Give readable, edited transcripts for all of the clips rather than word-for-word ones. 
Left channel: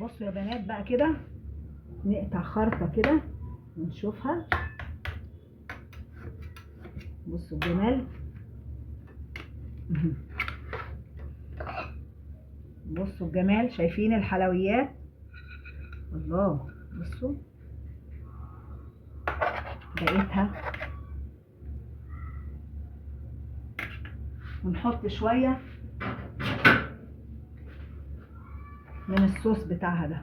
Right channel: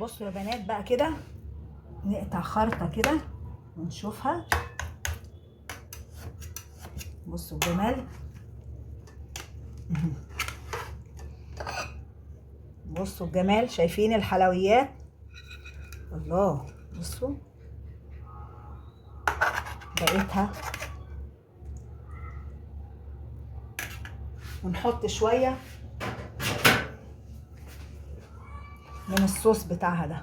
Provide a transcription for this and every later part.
بصوا يا بنات بقى كده، نقطع خرطة كده ونشوفها. بصوا الجمال. بصوا الجمال، شايفين الحلويات؟ الله، بصوا بقيتها. ونحط شوية من الصوص بتاعها ده.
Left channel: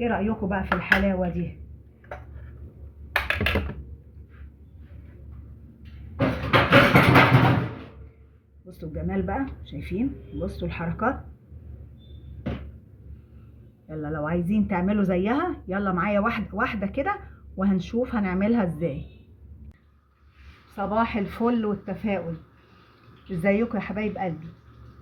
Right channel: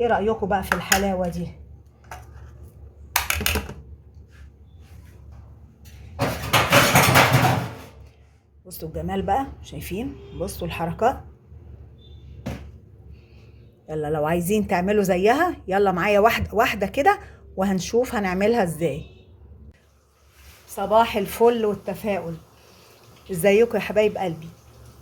ايه رأيكم بقى في الحلاوة دي؟ بصوا الجمال بقى، شايفين؟ بصوا الحركات. يلا لو عايزين تعملوا زيها يلا معايا واحدة واحدة كده وهنشوف هنعملها ازاي. صباح الفل والتفاؤل. ازيكم يا حبايب قلبي؟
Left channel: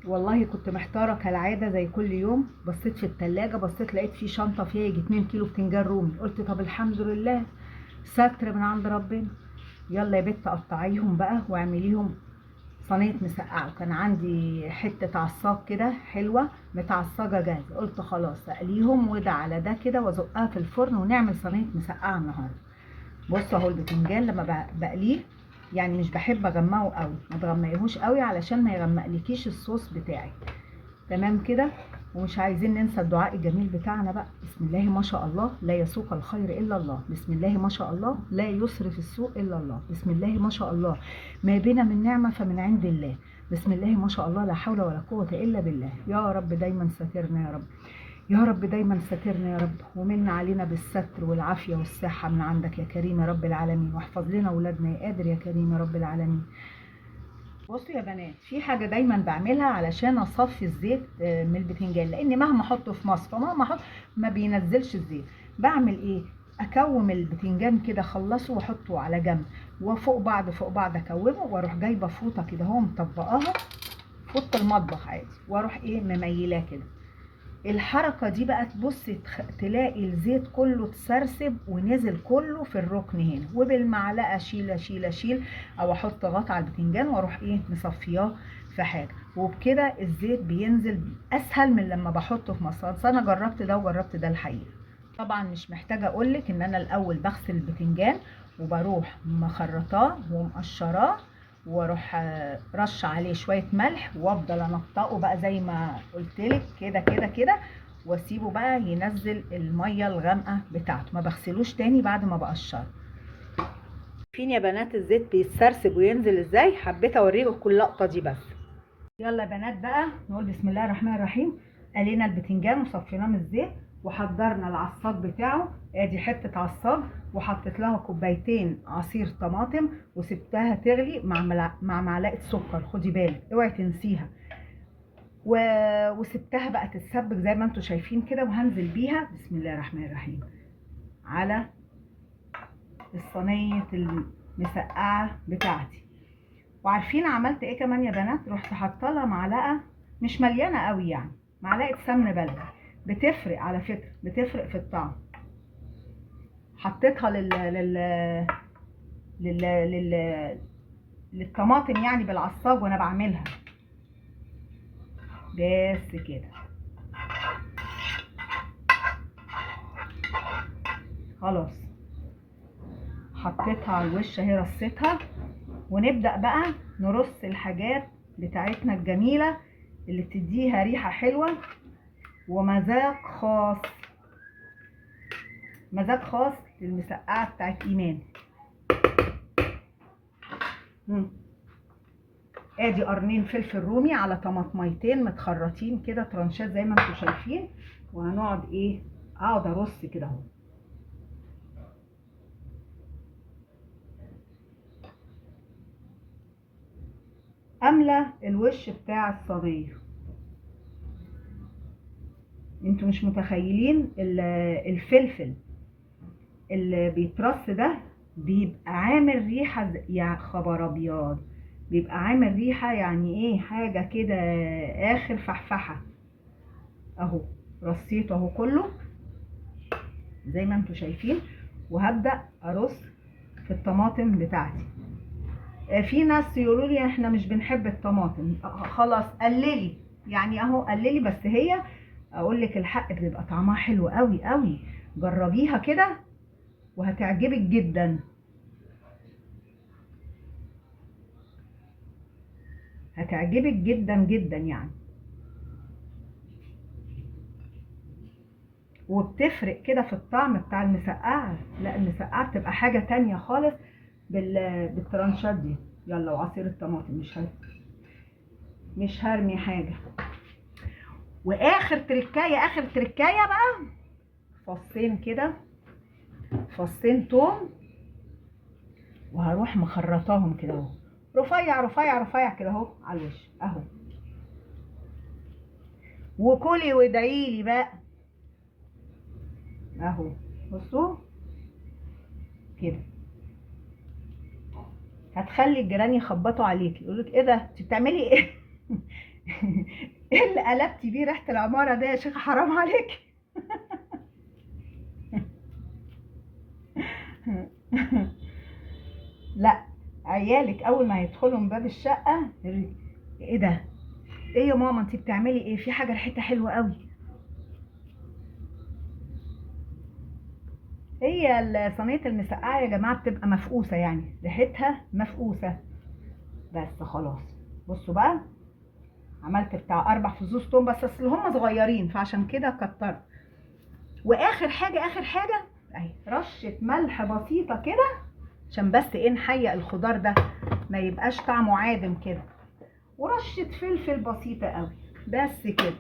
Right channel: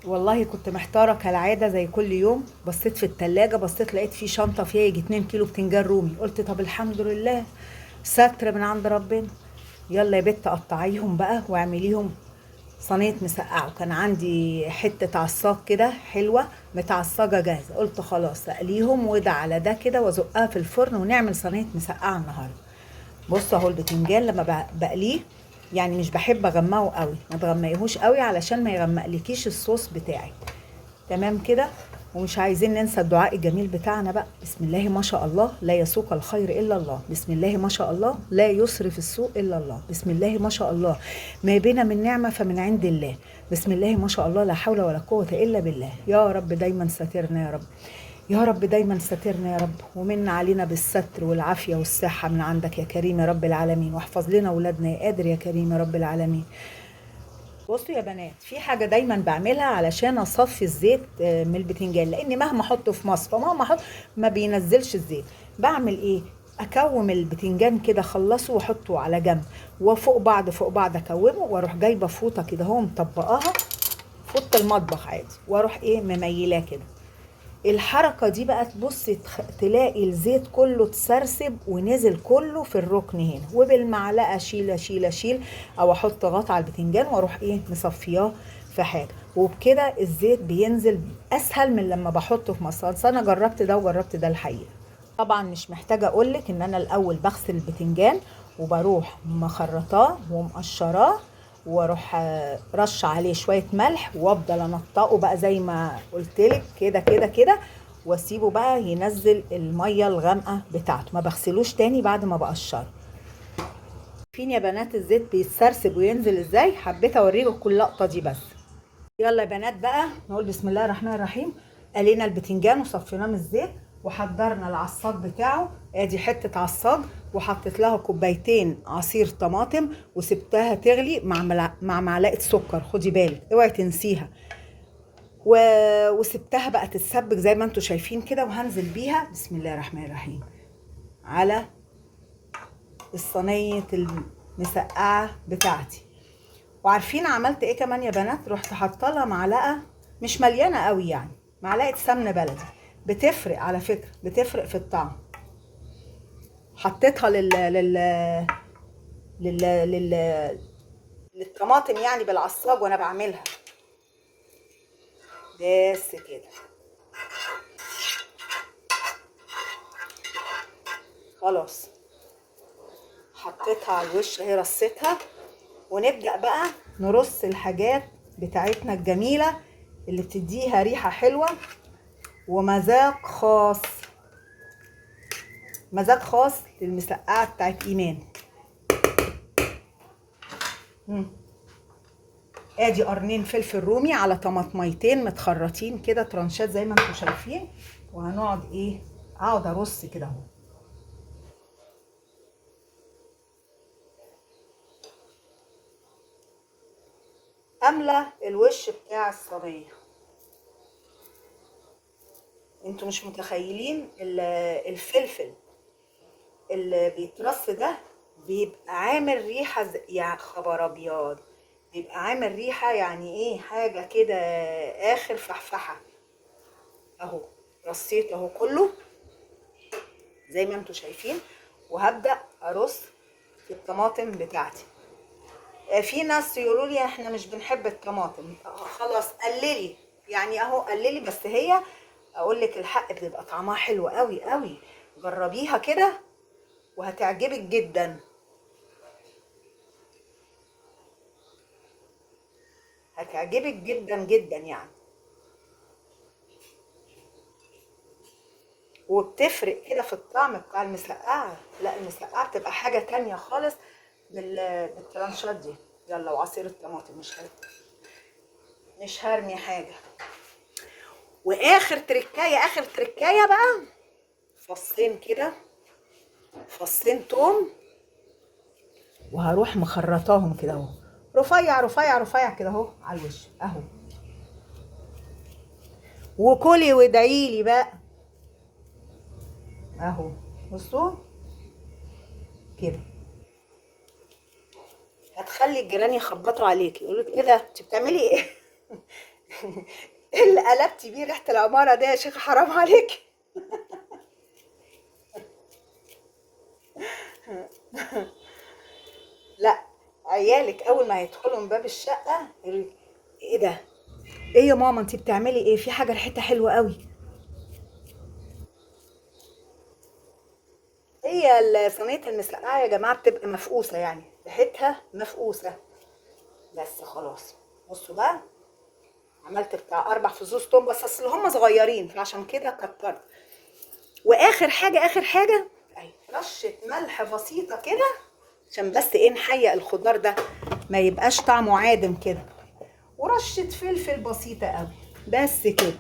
والله كنت محتارة كالعادة زي كل يوم. بصيت في التلاجة، بصيت لقيت في شنطة فيها يجي 2 كيلو بتنجان رومي. قلت طب الحمد لله، ستر من عند ربنا. يلا يا بت قطعيهم بقى واعمليهم صينية مسقعة. وكان عندي حتة عصاج كده حلوة متعصجة جاهزة، قلت خلاص اقليهم وده على ده كده وازقها في الفرن ونعمل صينية مسقعة النهاردة. بصوا اهو البتنجان لما بقليه يعني مش بحب اغمقه قوي، ما تغمقيهوش قوي علشان ما يغمقلكيش الصوص بتاعي. تمام كده. ومش عايزين ننسى الدعاء الجميل بتاعنا بقى. بسم الله ما شاء الله لا يسوق الخير الا الله، بسم الله ما شاء الله لا يصرف السوء الا الله، بسم الله ما شاء الله ما بنا من نعمه فمن عند الله، بسم الله ما شاء الله لا حول ولا قوه الا بالله. يا رب دايما ساترنا يا رب، يا رب دايما ساترنا يا رب، ومن علينا بالستر والعافيه والصحه من عندك يا كريم يا رب العالمين، واحفظ لنا اولادنا يا قادر يا كريم يا رب العالمين. بصوا يا بنات، في حاجة دايما بعملها علشان اصفي الزيت من البتنجان، لان مهما احطه في مصفى مهما احط ما بينزلش الزيت. بعمل ايه؟ اكوم البتنجان كده، اخلصه واحطه على جنب، وفوق بعض فوق بعض اكومه، واروح جايبه فوطه كده اهو مطبقاها، فوطه المطبخ عادي، واروح ايه مميلاه كده. الحركة دي بقى تبصي تلاقي الزيت كله اتسرسب ونزل كله في الركن هنا، وبالمعلقة شيل اشيل اشيل، او احط غطا على البتنجان واروح ايه مصفياه في حاجة، وبكده الزيت بينزل اسهل من لما بحطه في مصفى. انا جربت ده وجربت ده الحقيقة. طبعا مش محتاجة اقولك ان انا الاول بغسل البتنجان وبروح مخرطاه ومقشراه، واروح رش عليه شويه ملح وافضل انطقه بقى زي ما قلتلك كده كده كده، واسيبه بقى ينزل الميه الغامقه بتاعته، ما بغسلوش تاني بعد ما بقشره. فين يا بنات الزيت بيتسرسب وينزل ازاي؟ حبيت اوريكم اللقطه دي بس. يلا يا بنات بقى نقول بسم الله الرحمن الرحيم. قلينا البتنجان وصفيناه من الزيت وحضرنا العصاج بتاعه. ادي حته عصاج وحطيت لها كوبايتين عصير طماطم وسبتها تغلي مع معلقه سكر، خدي بالك اوعي تنسيها. وسبتها بقى تتسبك زي ما انتم شايفين كده، وهنزل بيها بسم الله الرحمن الرحيم على الصينيه المسقعه بتاعتي. وعارفين عملت ايه كمان يا بنات؟ رحت حاطه لها معلقه مش مليانه قوي يعني، معلقه سمنه بلدي، بتفرق على فكره، بتفرق في الطعم. حطيتها لل... لل... للطماطم يعني بالعصاج وانا بعملها. بس كده خلاص، حطيتها على الوش اهي، رصيتها. ونبدأ بقى نرص الحاجات بتاعتنا الجميلة اللي بتديها ريحة حلوة ومذاق خاص، مذاق خاص للمسقعة بتاعت ايمان. ادي قرنين فلفل رومي على طماطميتين متخرطين كده ترانشات زي ما انتم شايفين، وهنقعد ايه اقعد ارص كده اهو. املى الوش بتاع الصينيه. انتوا مش متخيلين الفلفل اللي بيترص ده بيبقى عامل ريحه يا خبر ابيض، بيبقى عامل ريحه يعني ايه حاجه كده اخر فحفحه. اهو رصيته اهو كله زي ما انتوا شايفين، وهبدأ ارص في الطماطم بتاعتي. في ناس يقولوا لي احنا مش بنحب الطماطم. خلاص قللي، يعني اهو قللي، بس هي اقول لك الحق بتبقى طعمها حلو قوي قوي. جربيها كده وهتعجبك جدا، هتعجبك جدا جدا يعني. وبتفرق كده في الطعم بتاع المسقعة. لا المسقعة بتبقى حاجة تانية خالص بالترانشات دي. يلا وعصير الطماطم مش هرمي حاجة. واخر تركاية، اخر تركاية بقى، فصين كده، فصين توم، وهروح مخرطاهم كده اهو، رفيع رفيع رفيع كده اهو على الوش اهو. وكلي وادعيلي بقى اهو. بصوا كده، هتخلي الجيران يخبطوا عليكي يقولك ايه ده انت بتعملي ايه؟ ايه اللي قلبتي بيه ريحه العماره ده يا شيخ، حرام عليكي. لا، عيالك اول ما هيدخلوا من باب الشقه يقولك ايه ده، ايه يا ماما انت بتعملي ايه، في حاجه ريحتها حلوه قوي. هي صينيه المسقعه يا جماعه بتبقى مفقوسه، يعني ريحتها مفقوسه. بس خلاص. بصوا بقى، عملت بتاع 4 فصوص توم، بس اصل هم صغيرين فعشان كده كترت. واخر حاجه، اخر حاجه اهي رشه ملح بسيطه كده، عشان بس ايه نحيق الخضار ده ما يبقاش طعمه عادم كده. ورشه فلفل بسيطه قوي، بس كده.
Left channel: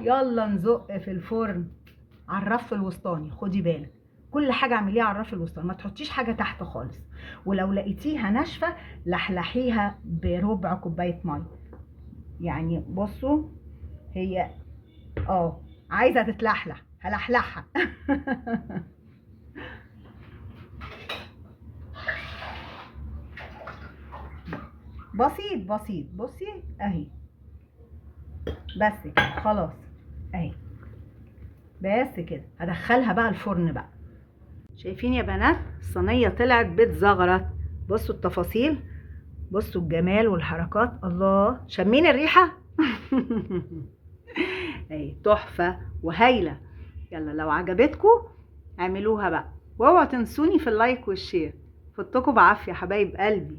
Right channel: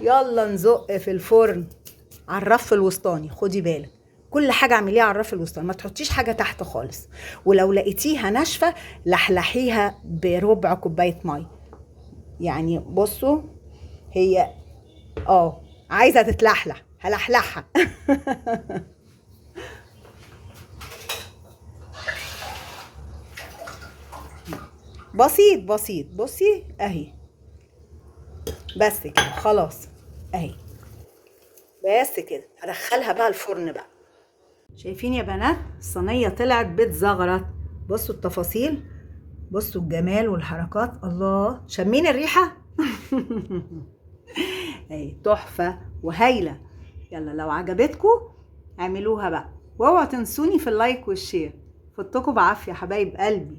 يلا نزق في الفرن على الرف الوسطاني. خدي بالك كل حاجه اعمليها على الرف الوسطاني، ما تحطيش حاجه تحت خالص. ولو لقيتيها ناشفه لحلحيها بربع كوبايه ميه. يعني بصوا، هي عايزه تتلحلح هلحلحها. بسيط بسيط. بصي اهي، بس كده خلاص اهي. بس كده هدخلها بقى الفرن بقى. شايفين يا بنات الصينيه طلعت بتزغرط. بصوا التفاصيل، بصوا الجمال والحركات، الله شمين الريحه. اهي تحفه وهايله. يلا لو عجبتكم اعملوها بقى، واوعوا تنسوني في اللايك والشير. فوتكم بعافيه حبايب قلبي.